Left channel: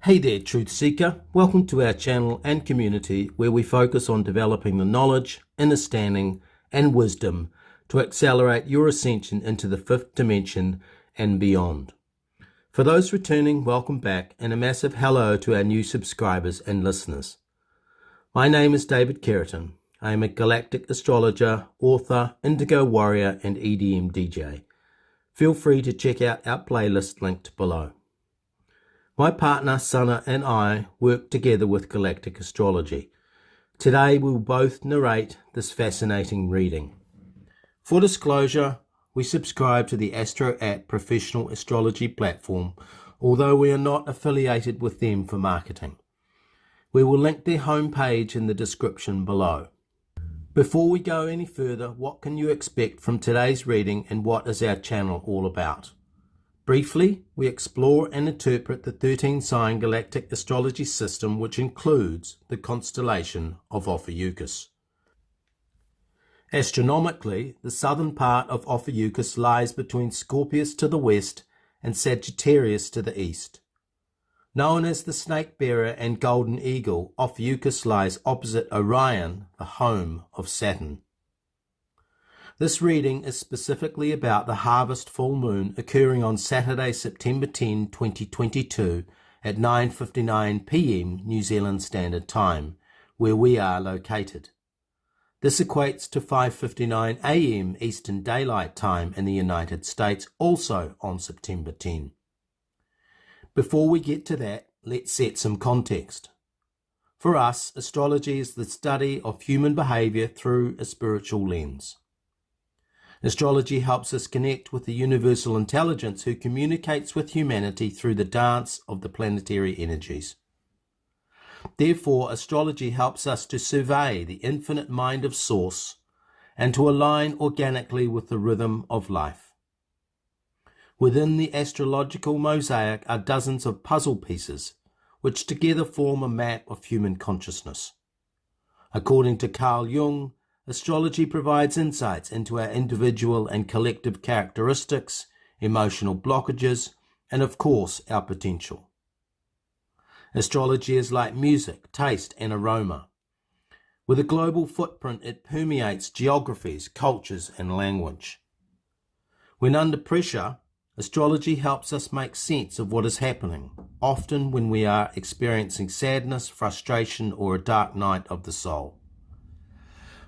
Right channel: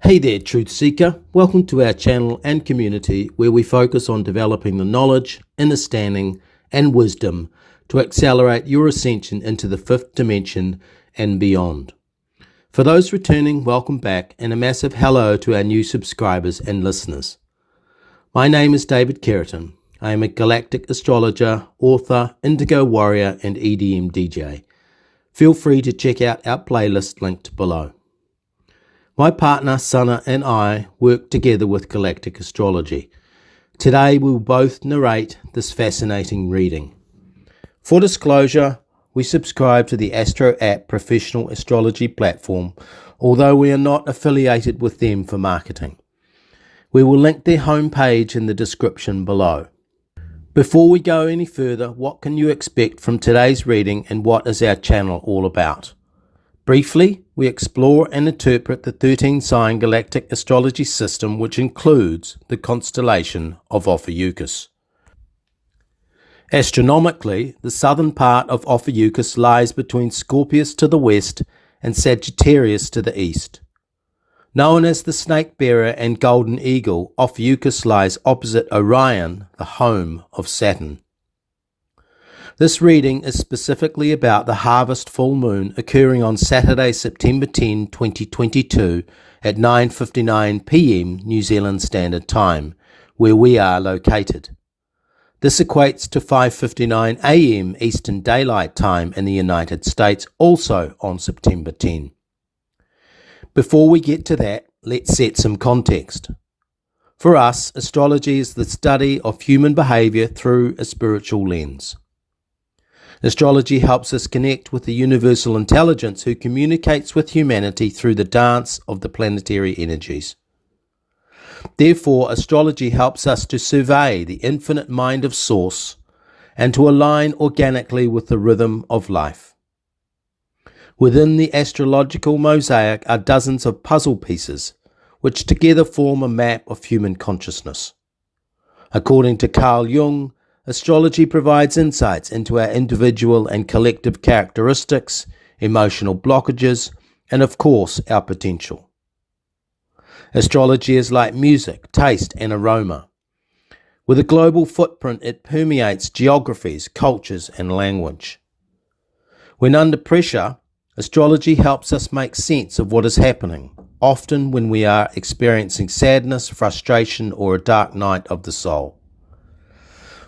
Hey there, Truth Seeker. Welcome to our channel and community where we focus on developing the knowledge, understanding, and wisdom to accelerate your ascension into the fifth dimension and beyond. For those returning, welcome back, and a massive hello to our new subscribers and listeners. My name is David Keratin. I am a galactic astrologer, author, indigo warrior, and EDM DJ. Feel free to check out our playlist linked below. My partner, Sana, and I work together with Galactic Astrology. Today we will both narrate this fascinating reading. For disclosure, we subscribe to the Astro app professional astrology platform, although we are not affiliated with them for marketing. We will link their homepage in the description below. Before we go any further, what can you expect from today's reading and what is our channel all about? Briefly, we explore and interpret the 13-sign galactic astrology system, which includes the constellation of Ophiuchus. Astronomically, the southern part of Ophiuchus lies between Scorpius to the west and Sagittarius to the east. Known as the Snake Bearer and Golden Eagle, Ophiuchus lies opposite Orion, the home of Saturn. This reading is specifically about the harvest full moon occurring on Saturday, September 10, 2022 at 9:59 p.m. New Zealand Standard Time, where we are located. This equates to 5:59 a.m. Eastern Daylight Time in the United States, also on September 10. Before we get to that, let's set some context. For us, astrology is the study of human behavior through a spiritual lens. Astrology helps us connect with the universal intelligence who communicates with humanity through the dance of the planetary energies. Therefore, astrology helps us to survey the infinite mind of Source and to align organically with the rhythm of life. Within the astrological mosaic are dozens of puzzle pieces, which together form a map of human consciousness. According to Carl Jung, astrology provides insights into our individual and collective characteristics, emotional blockages, and of course, our potential. Astrology is like music, taste, and aroma. With a global footprint, it permeates geographies, cultures, and language. When under pressure, astrology helps us make sense of what is happening, often when we are experiencing sadness, frustration, or a dark night of the soul.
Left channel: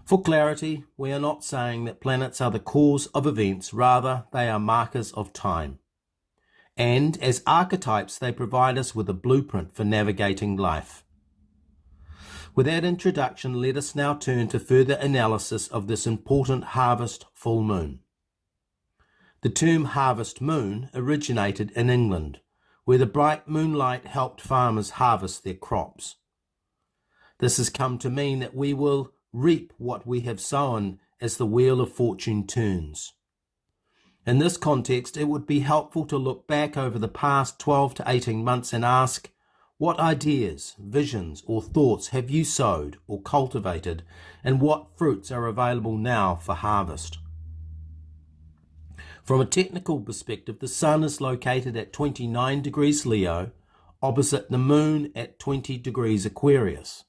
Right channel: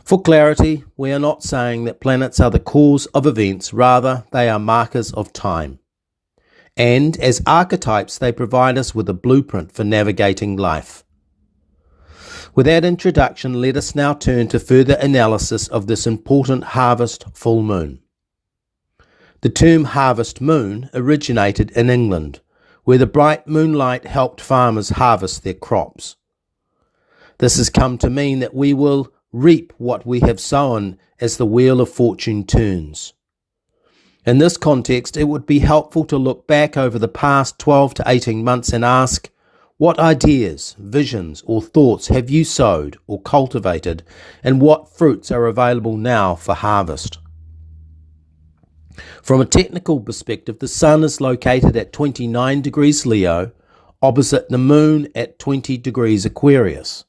For clarity, we are not saying that planets are the cause of events, rather they are markers of time. And as archetypes, they provide us with a blueprint for navigating life. With that introduction, let us now turn to further analysis of this important harvest full moon. The term harvest moon originated in England, where the bright moonlight helped farmers harvest their crops. This has come to mean that we will reap what we have sown as the wheel of fortune turns. In this context, it would be helpful to look back over the past 12 to 18 months and ask, what ideas, visions, or thoughts have you sowed or cultivated, and what fruits are available now for harvest? From a technical perspective, the Sun is located at 29 degrees Leo, opposite the Moon at 20 degrees Aquarius.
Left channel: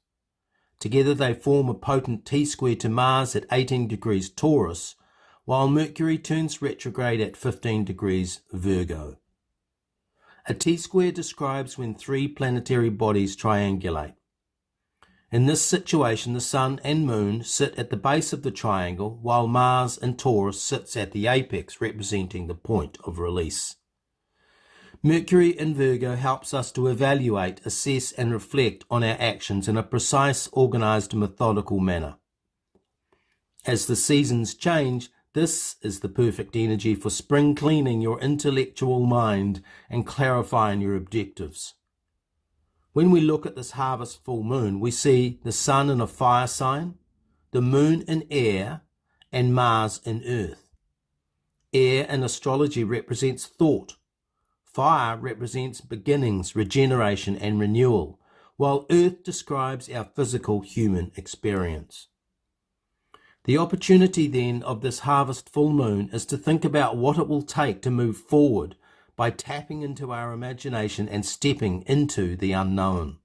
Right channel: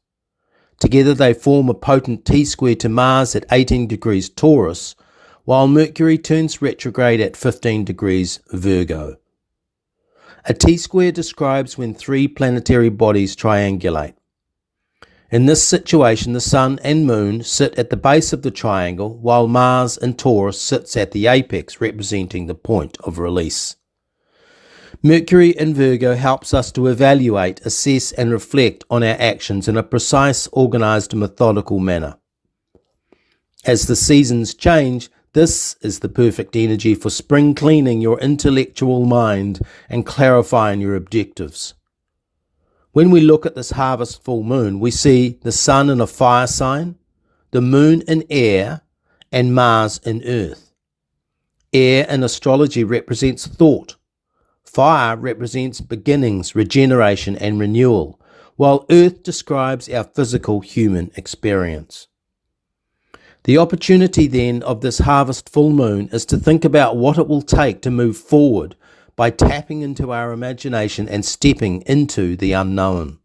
Together they form a potent T-square to Mars at 18 degrees Taurus, while Mercury turns retrograde at 15 degrees Virgo. A T-square describes when three planetary bodies triangulate. In this situation, the Sun and Moon sit at the base of the triangle, while Mars in Taurus sits at the apex, representing the point of release. Mercury in Virgo helps us to evaluate, assess, and reflect on our actions in a precise, organized, methodical manner. As the seasons change, this is the perfect energy for spring cleaning your intellectual mind and clarifying your objectives. When we look at this harvest full moon, we see the Sun in a fire sign, the Moon in air, and Mars in earth. Air in astrology represents thought. Fire represents beginnings, regeneration, and renewal, while earth describes our physical human experience. The opportunity then of this harvest full moon is to think about what it will take to move forward by tapping into our imagination and stepping into the unknown.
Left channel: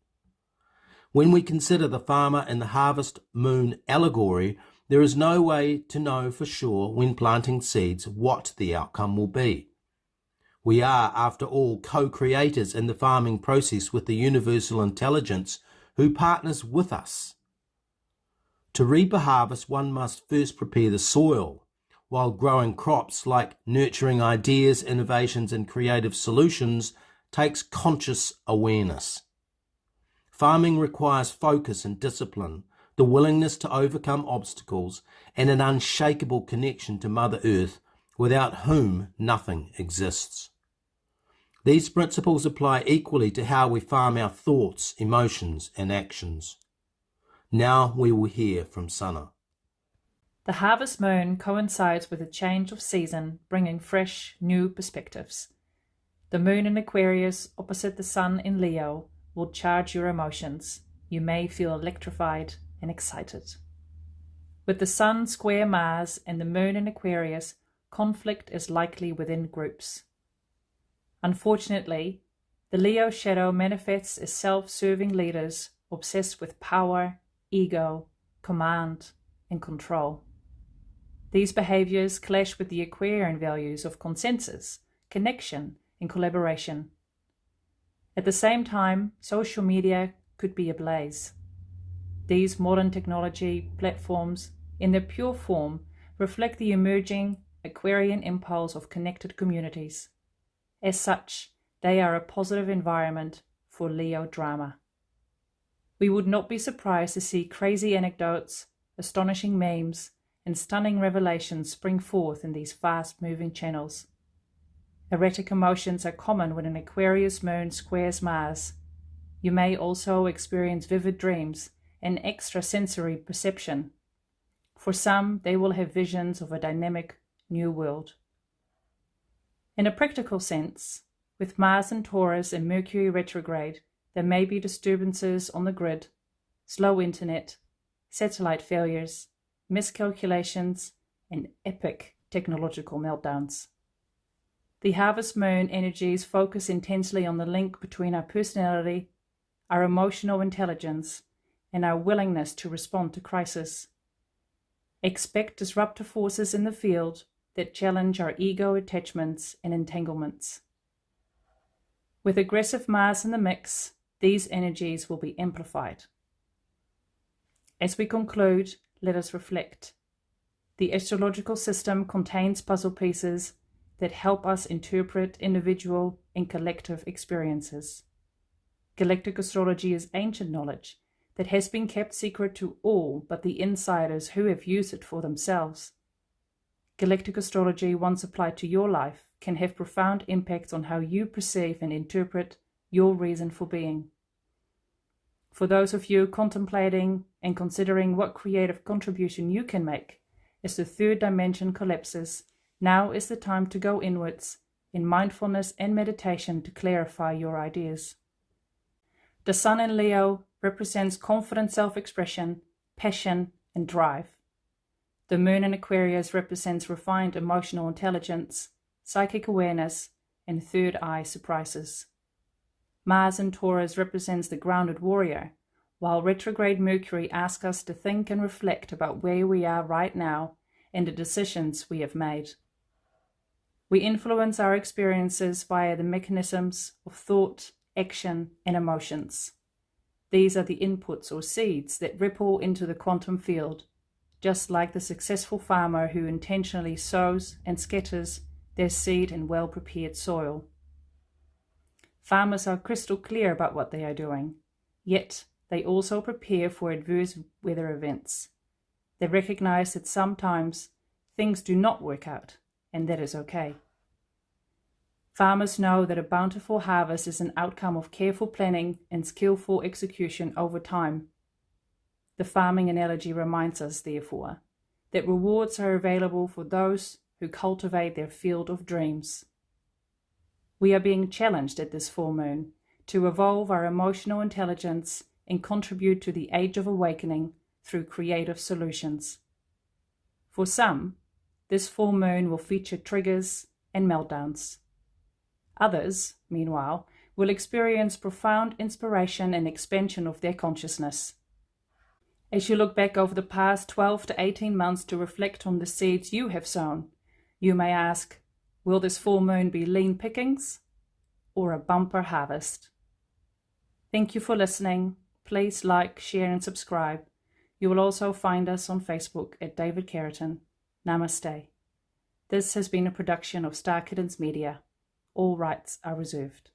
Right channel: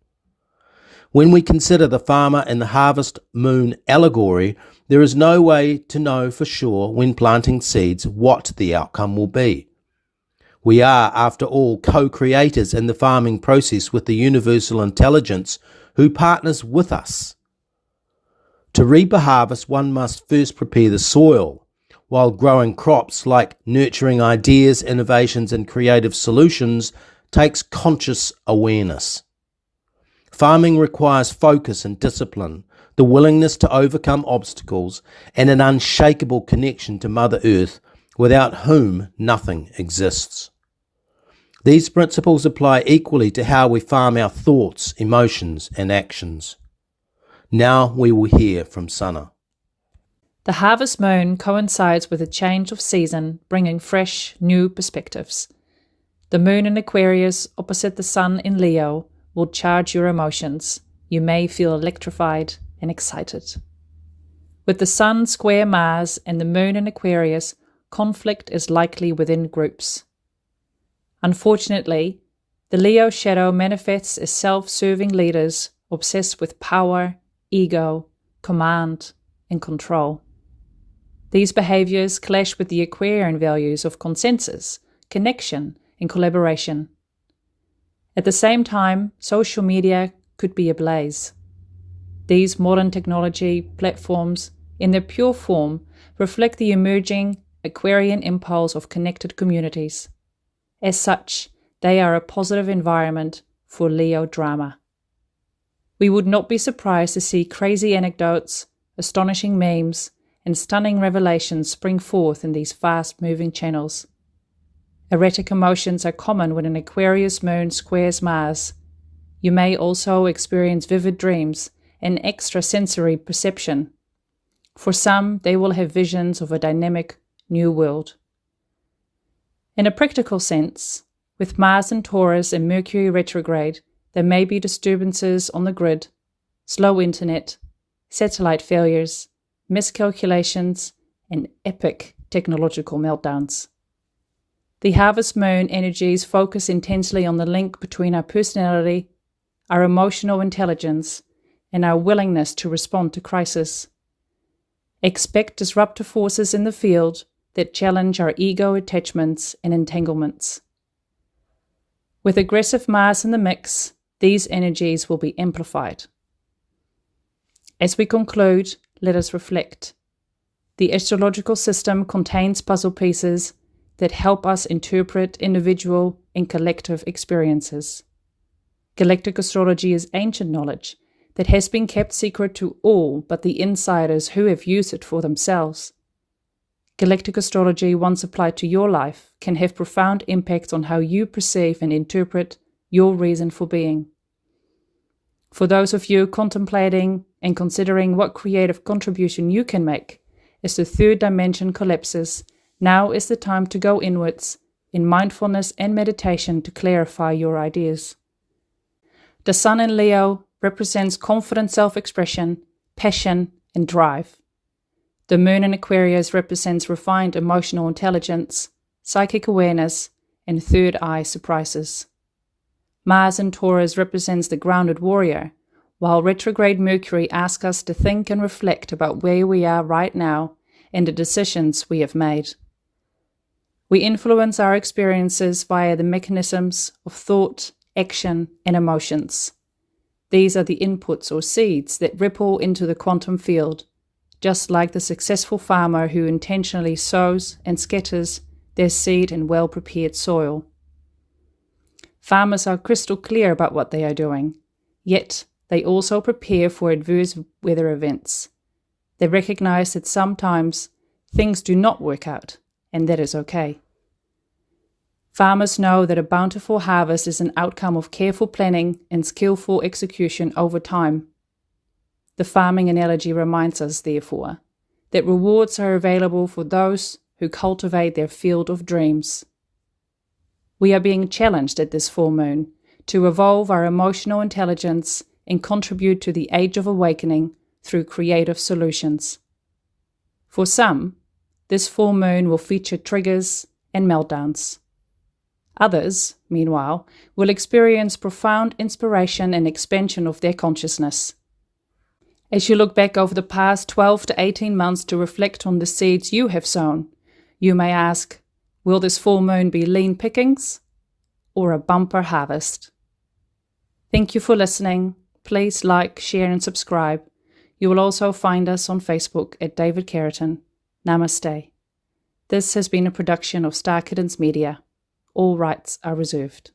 When we consider the farmer and the harvest moon allegory, there is no way to know for sure when planting seeds what the outcome will be. We are, after all, co-creators in the farming process with the universal intelligence who partners with us. To reap a harvest, one must first prepare the soil, while growing crops like nurturing ideas, innovations, and creative solutions takes conscious awareness. Farming requires focus and discipline, the willingness to overcome obstacles, and an unshakable connection to Mother Earth, without whom nothing exists. These principles apply equally to how we farm our thoughts, emotions, and actions. Now we will hear from Sana. The harvest moon coincides with a change of season, bringing fresh, new perspectives. The moon in Aquarius, opposite the sun in Leo, will charge your emotions. You may feel electrified and excited. With the sun square Mars and the moon in Aquarius, conflict is likely within groups. Unfortunately, the Leo shadow manifests as self-serving leaders obsessed with power, ego, command, and control. These behaviors clash with the Aquarian values of consensus, connection, and collaboration. At the same time, social media could be ablaze. These modern technology platforms, in their pure form, reflect the emerging Aquarian impulse of connected communities. As such, they are a positive environment for Leo drama. We would not be surprised to see crazy anecdotes, astonishing memes, and stunning revelations spring forth in these fast-moving channels. Erratic emotions are common when an Aquarius moon squares Mars. You may also experience vivid dreams and extrasensory perception. For some, they will have visions of a dynamic new world. In a practical sense, with Mars in Taurus and Mercury retrograde, there may be disturbances on the grid, slow internet, satellite failures, miscalculations, and epic technological meltdowns. The harvest moon energies focus intensely on the link between our personality, our emotional intelligence, and our willingness to respond to crisis. Expect disruptive forces in the field that challenge our ego attachments and entanglements. With aggressive Mars in the mix, these energies will be amplified. As we conclude, let us reflect. The astrological system contains puzzle pieces that help us interpret individual and collective experiences. Galactic astrology is ancient knowledge that has been kept secret to all but the insiders who have used it for themselves. Galactic astrology, once applied to your life, can have profound impacts on how you perceive and interpret your reason for being. For those of you contemplating and considering what creative contribution you can make as the third dimension collapses, now is the time to go inwards in mindfulness and meditation to clarify your ideas. The sun in Leo represents confident self-expression, passion, and drive. The moon in Aquarius represents refined emotional intelligence, psychic awareness, and third eye surprises. Mars in Taurus represents the grounded warrior, while retrograde Mercury asks us to think and reflect about where we are right now and the decisions we have made. We influence our experiences via the mechanisms of thought, action, and emotions. These are the inputs or seeds that ripple into the quantum field, just like the successful farmer who intentionally sows and scatters their seed in well-prepared soil. Farmers are crystal clear about what they are doing, yet they also prepare for adverse weather events. They recognize that sometimes things do not work out, and that is okay. Farmers know that a bountiful harvest is an outcome of careful planning and skillful execution over time. The farming analogy reminds us, therefore, that rewards are available for those who cultivate their field of dreams. We are being challenged at this full moon to evolve our emotional intelligence and contribute to the Age of Awakening through creative solutions. For some, this full moon will feature triggers and meltdowns. Others, meanwhile, will experience profound inspiration and expansion of their consciousness. As you look back over the past 12 to 18 months to reflect on the seeds you have sown, you may ask, will this full moon be lean pickings or a bumper harvest? Thank you for listening. Please like, share and subscribe. You will also find us on Facebook at David Carrington. Namaste. This has been a production of Star Kittens Media. All rights are reserved.